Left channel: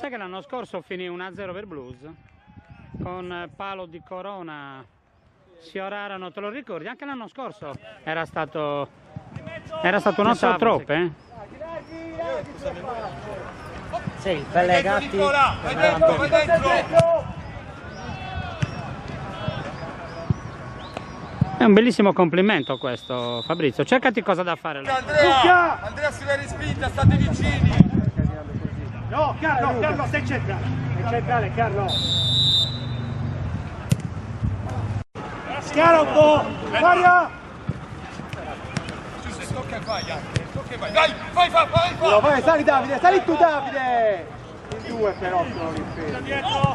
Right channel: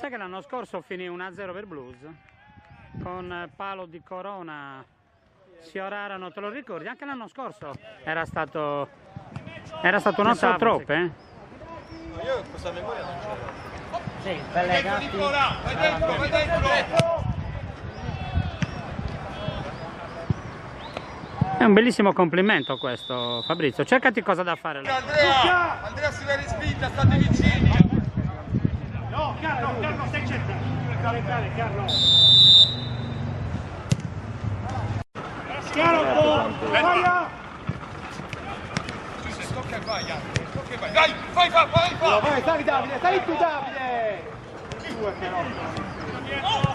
Sai che l'anno scorso finì 1-0 per Blues? Con palo di Corona, Siorarano, te lo ricordi? Anche l'anno scorso era stato non so troppo, eh? Sì, belle gatti. Vai dentro! È un bellissimo complimento questo, Fabrizio. Cercati cosa da fare. Andrea si va in spinta, state vicini! No, Carlo, stai centrale, Carlo. Chiaro, vai! Giuseppe, tocca e vai anche, tocca e vai! Vai! Vai, sali Davide, sali tu Davide! Due però sono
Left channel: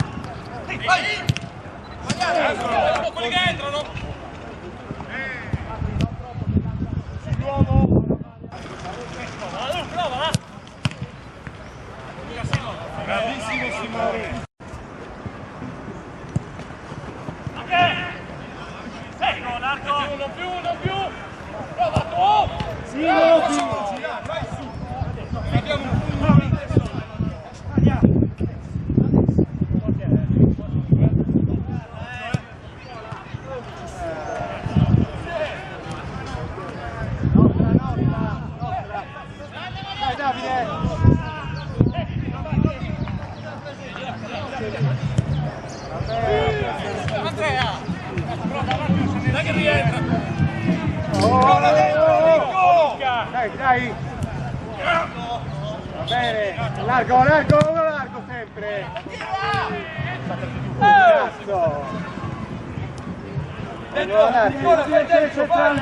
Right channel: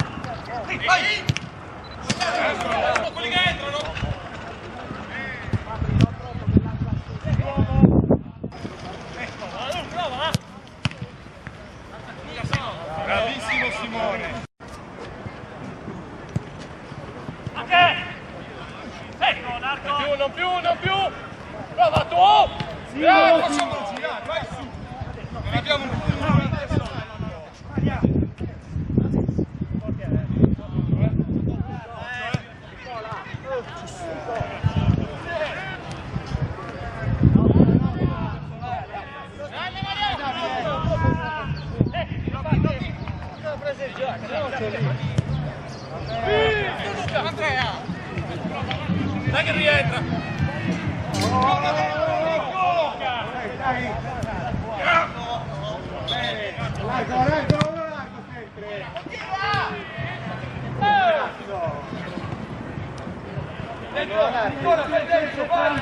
Vai! Quelli che entrano! Prova! Bravissimo Simone! Ok! Sei! Non più! Prova tu! Sì, facciamolo girare, vai su! Abbiamo un punto! Andrea! Dai che rientra! Dai! Bene! Largo sempre! Nicola, vai dentro, vai!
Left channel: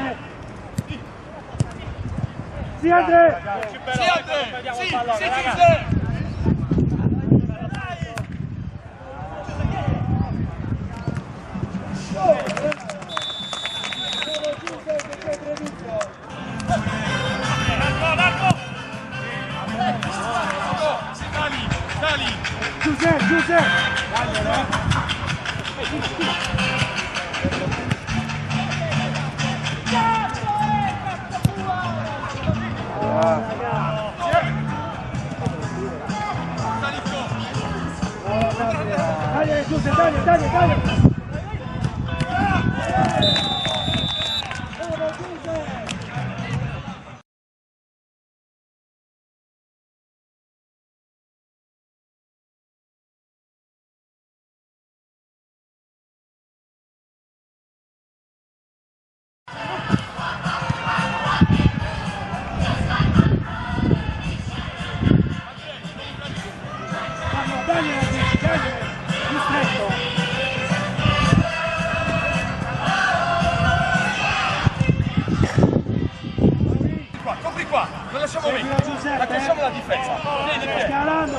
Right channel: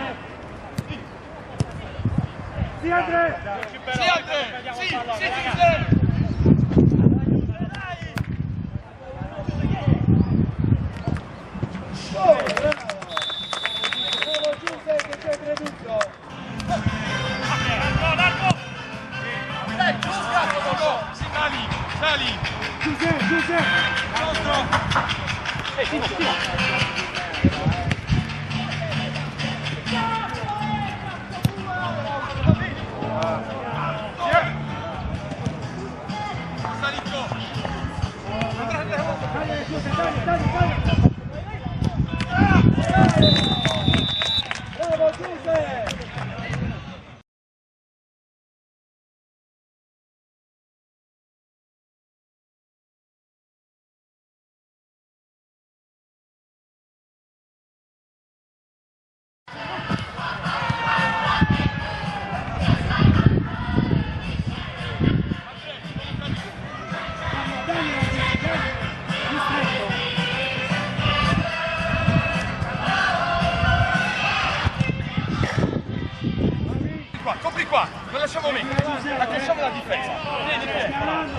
Sì, Andrea! Sì! Sali! Giuseppe! Dai! Bravo Giuseppe! Copri qua, non lasciamo mettere, accresciamo la difesa. Vieni,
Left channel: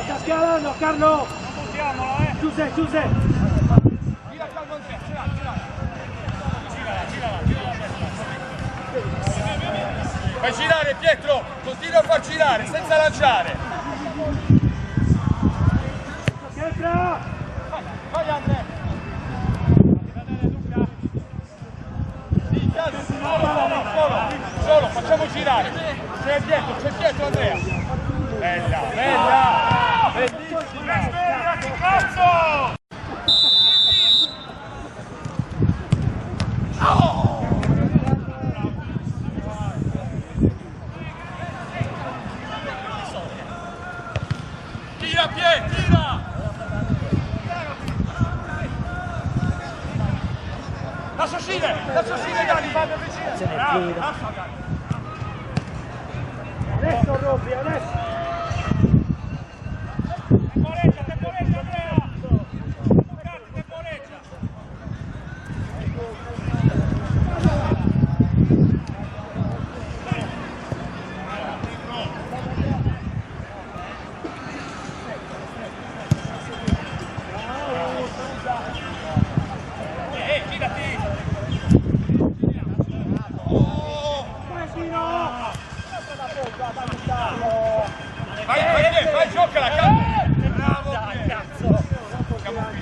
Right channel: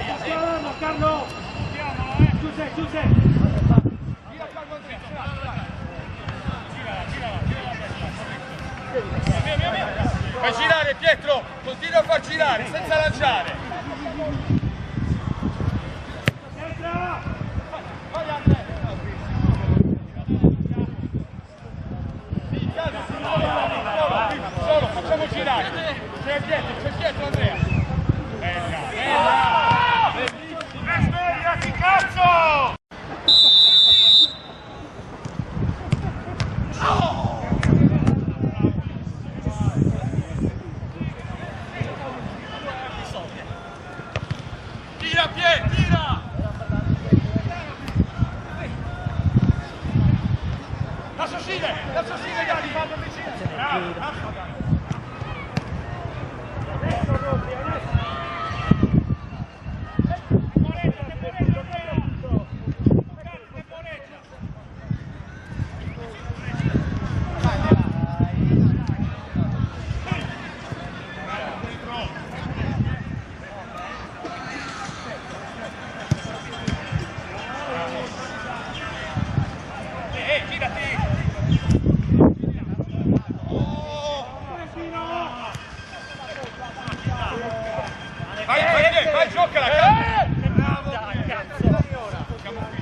Sta scalando, Carlo! Giuseppe! Gira Carlo Andrea, ce l'hai. Fai girare Pietro, continua a far girare, senza lanciare. Vai Andrea! Solo, facciamo girare. C'è dietro Andrea. Bella! Svegliati, cazzo! Tira Pietro, tira! Lascia uscire Dani, vado vicino. Adesso doppio, adesso! Girati! Vai, giocala, bravo! Dai, cazzo! Siamo qui,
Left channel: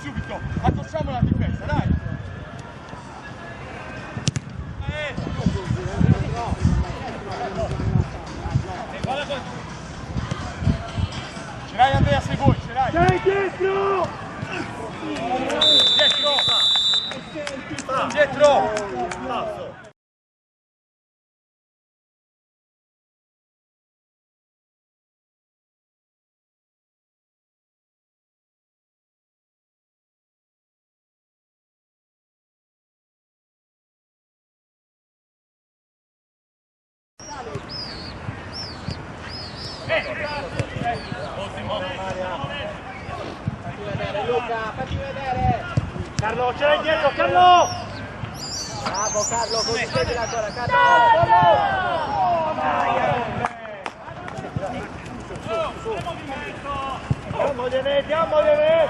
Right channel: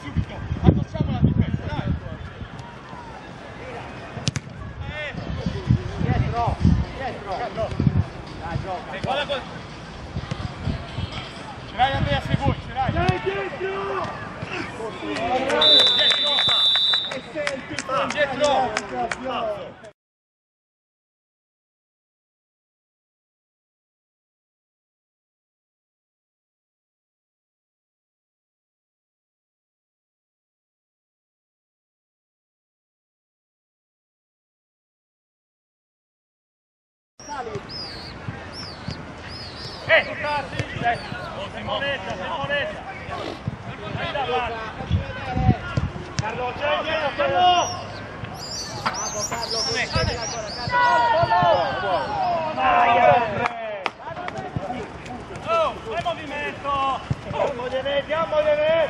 subito, accorciamo la difesa, dai! Guarda Ce l'hai Andrea se vuoi, ce l'hai! Dai dietro! Dietro! Ottimo! Carlo, c'è dietro, Carlo! Bravo Carlo, così sei ancora, Carlo! Diamogliene, diamogliene!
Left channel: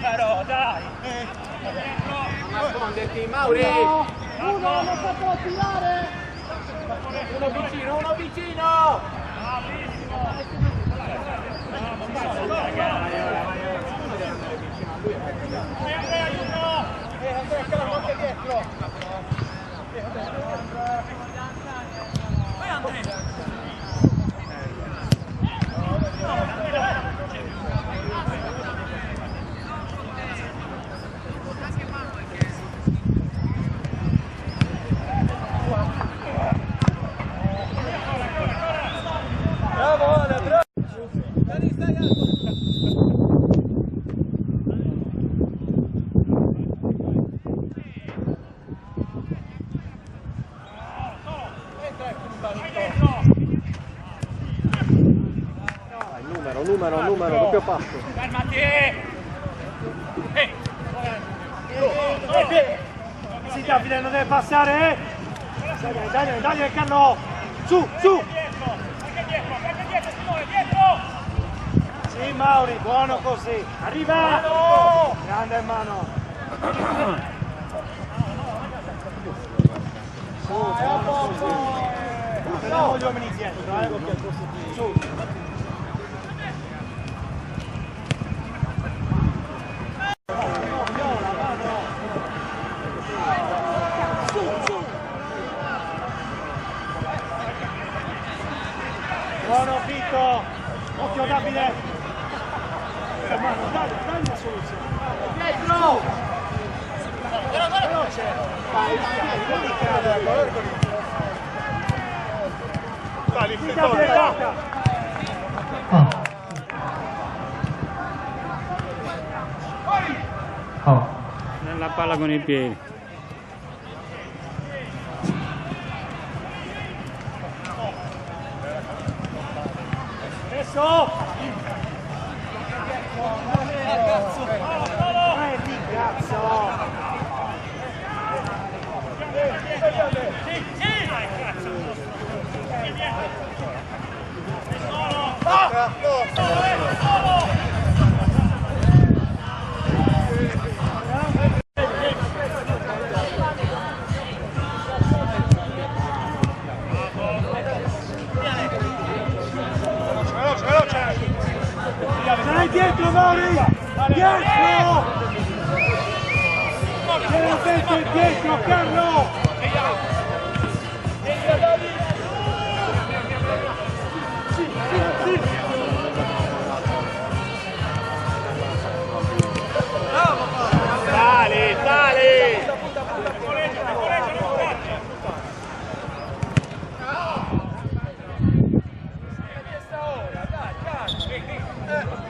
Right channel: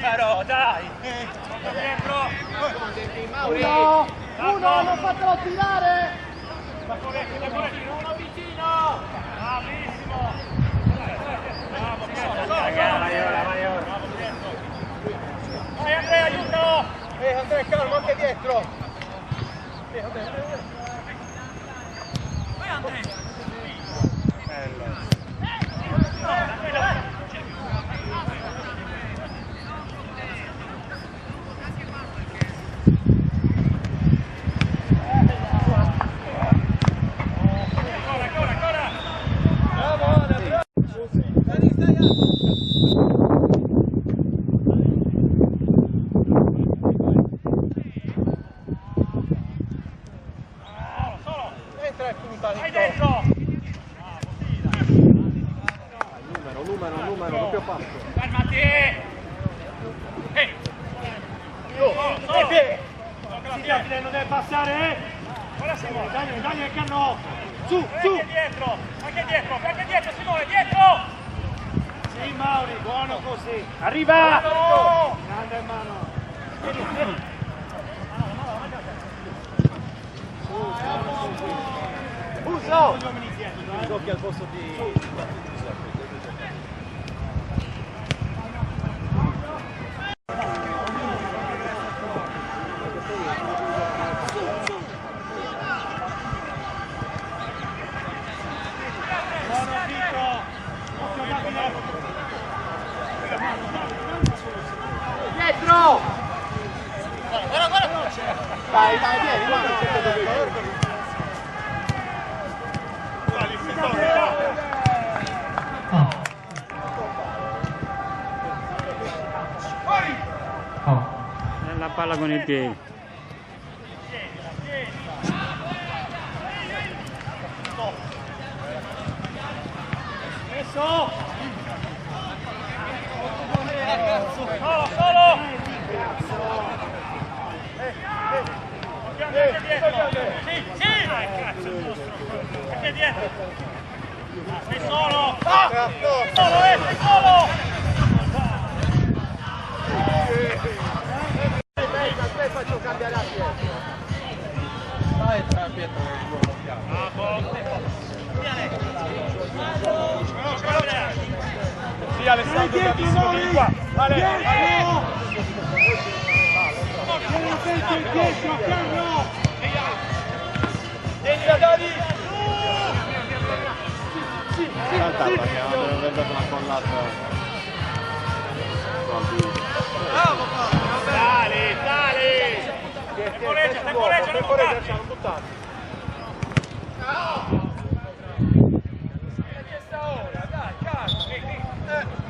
Però, dai! Uno, non fatelo tirare! Uno vicino! Bravissimo! Andrea, aiuto! Andrea, calmo anche dietro! Vai Andrea! Numero, doppio passo. Fermati! Sì, Davide, non deve passare, Dai, Carlo! Su! Anche dietro, Simone, dietro! Sì, Mauri, buono così! Arriva! Mano! Grande hermano! Gli uomini dietro, che al posto di... Buono Vito! Occhio Davide! Dietro! Vai, Nella palla con i piedi. Adesso! Sì! Dai, cazzo il nostro! Solo! Dai dietro, Mauri! Dietro! C'era sempre dietro, Carlo! Sì! Sali! Temporeggia, non buttarci! È chiesta ora, dai, calma!